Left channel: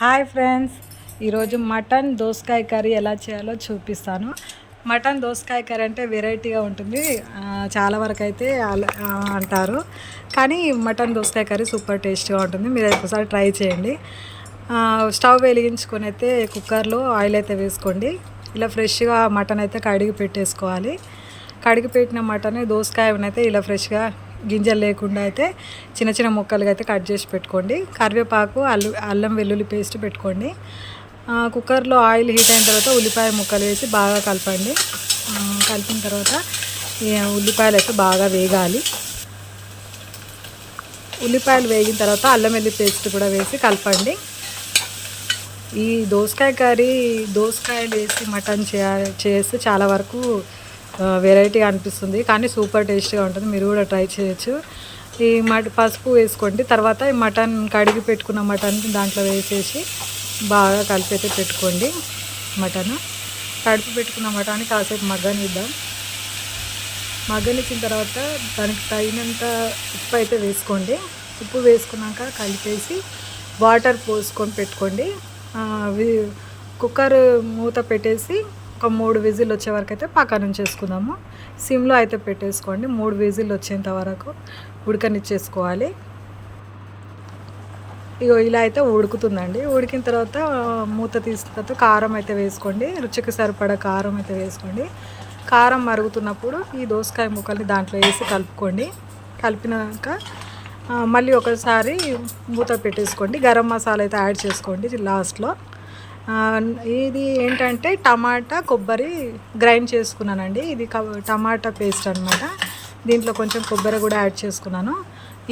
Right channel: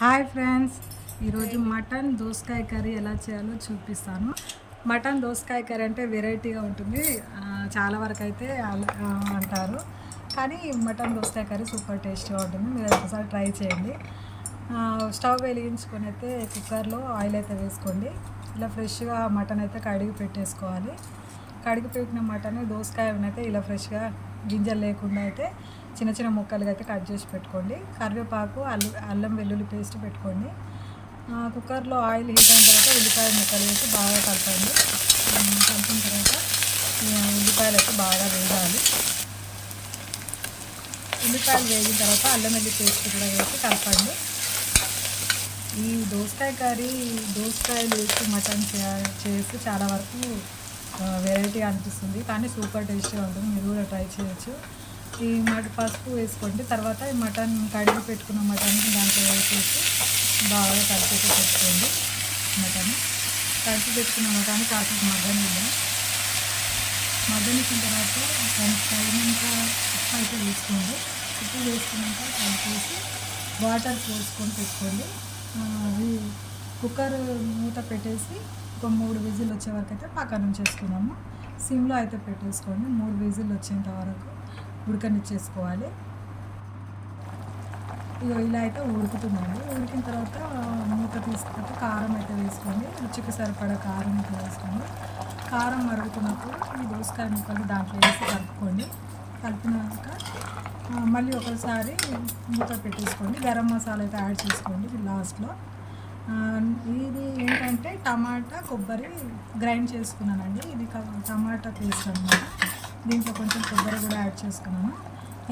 Hi friends, ఈరోజు mutton దోసకాయ curry ఎలా చేయాలో చూపిస్తాను. మటన్ దోసకాయ కర్రీ అంటే వెరైటీగా ఉంటుంది. చాలా వరకు అయితే అంటారు, కానీ మటన్ దోసకాయ కర్రీ సూపర్ టేస్ట్గా ఉంటుంది. మీరు ఒకసారి ట్రై చేయండి. స్టవ్ వెలిగించుకొని అయితే కుక్కర్లో ఆయిల్ అయితే వేసుకోండి. ఇలా ఫ్రెష్గా మటన్ అయితే కడిగి పెట్టేసుకోవాలి. కడిగి పెట్టిన మటన్ దోసకాయనైతే ఇలా ఫ్రెష్గా గింజలు లేకుండా అయితే చిన్న చిన్న ముక్కలుగా అయితే కట్ చేసి పెట్టుకోండి. కరివేపాకు, అల్లం వెల్లుల్లి పేస్ట్ పెట్టుకోండి. కుక్కర్లో ఆయిల్ హీట్ అయిన తర్వాత ఉల్లిపాయ ముక్కలు వేసి బాగా కలపండి. కలిపిన తర్వాత ఉల్లిపాయలు అయితే బాగా వేగాలి. ఉల్లిపాయలు వేగిన తర్వాత అల్లం వెల్లుల్లి పేస్ట్ కూడా వేసి కలపండి. ఈ దోసకాయ కర్రీ దోసకాయలు వేసి మటన్ చేస్తే చాలా వరకు వెరైటీగా అనిపిస్తుంది, కానీ సూపర్ టేస్టీగా ఉంటుంది. మీరు కూడా ట్రై చేయొచ్చు. ఈ పసుపు వేసుకోండి. తర్వాత ఈ మటన్ కడిగి పెట్టుకున్న మటన్ దాంట్లో వేసేసి బాగా కలిపి పెట్టుకోండి. మటన్ కడిగి పెట్టుకున్న మటన్ కాసేపు మగ్గనిద్దాం. మగ్గనిచ్చిన తర్వాత దానికి తగినంత ఉప్పు అయితే వేసుకోండి. ఉప్పు వేసుకున్నాక కలిపేసి వాటర్ పోసుకొని పెట్టుకోండి. కుక్కర్ మూత పెట్టేసి ఒక 3 విజిల్ వచ్చే వరకు అయితే పక్కన ఉంచేసుకుందాము. సిమ్లో అయితే పెట్టేసుకోండి. 3 విజిల్ వచ్చేంత వరకు ఉడకనిచ్చేసుకోవాలి. ఇలా అయితే ఉడుకుతుందండి. ఉడికిన తర్వాత మూత తీసిన తర్వాత కారం అయితే వేసుకోండి. రుచికి సరిపడా కారం అయితే వేసుకోండి. కారం మరుగుతున్నప్పుడు ఈ దోసకాయ ముక్కల్ని దాంట్లో వేసి కలుపుకోండి. కలిపినాక మళ్ళీ ఒకసారి మూత పెట్టేసుకోండి. గరం మసాలా అయితే యాడ్ చేసుకోండి లాస్ట్లో. ఇది ఏంటంటే టమాటా కొబ్బరి గ్రైండ్ చేసుకున్నానండి. ఇది టమాటా పేస్ట్ అనమాట. దీంట్లో కొంచెం కొబ్బరి కూడా యాడ్ చేసుకున్నాను.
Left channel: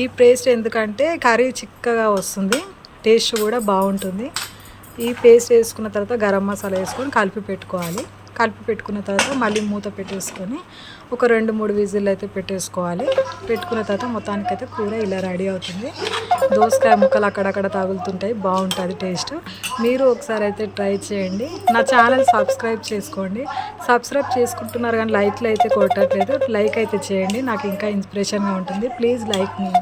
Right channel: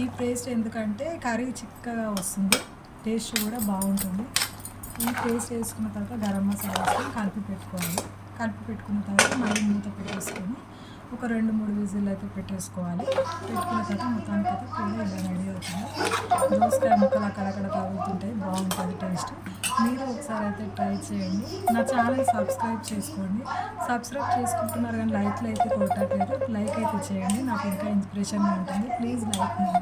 ఈ పేస్ట్ ఎందుకంటే కర్రీ చిక్కగా వస్తుంది, టేస్ట్ కూడా బాగుంటుంది. ఈ పేస్ట్ వేసుకున్న తర్వాత గరం మసాలా వేసుకొని కలిపి పెట్టుకోవాలి. కలిపి పెట్టుకున్న తర్వాత మళ్ళీ మూత పెట్టేసుకొని ఒక 2-3 విజిల్ అయితే పెట్టేసుకోవాలి. పెట్టుకున్న తర్వాత మొత్తానికైతే కూర ఇలా రెడీ అవుతుంది. దోసకాయ ముక్కలు అక్కడక్కడ తగులుతుంటాయి, బాగుంటుంది టేస్ట్. మీరు ఒకసారి అయితే ట్రై చేయండి. నా ఛానల్ సబ్స్క్రైబ్ చేసుకోండి. సబ్స్క్రైబ్ చేసుకుంటున్నారు కానీ లైక్లు అయితే కొట్టట్లేదు. లైక్ అయితే చేయండి, నాకు ఇంకా ఇన్స్పిరేషన్గా ఉంటుంది. Please like me.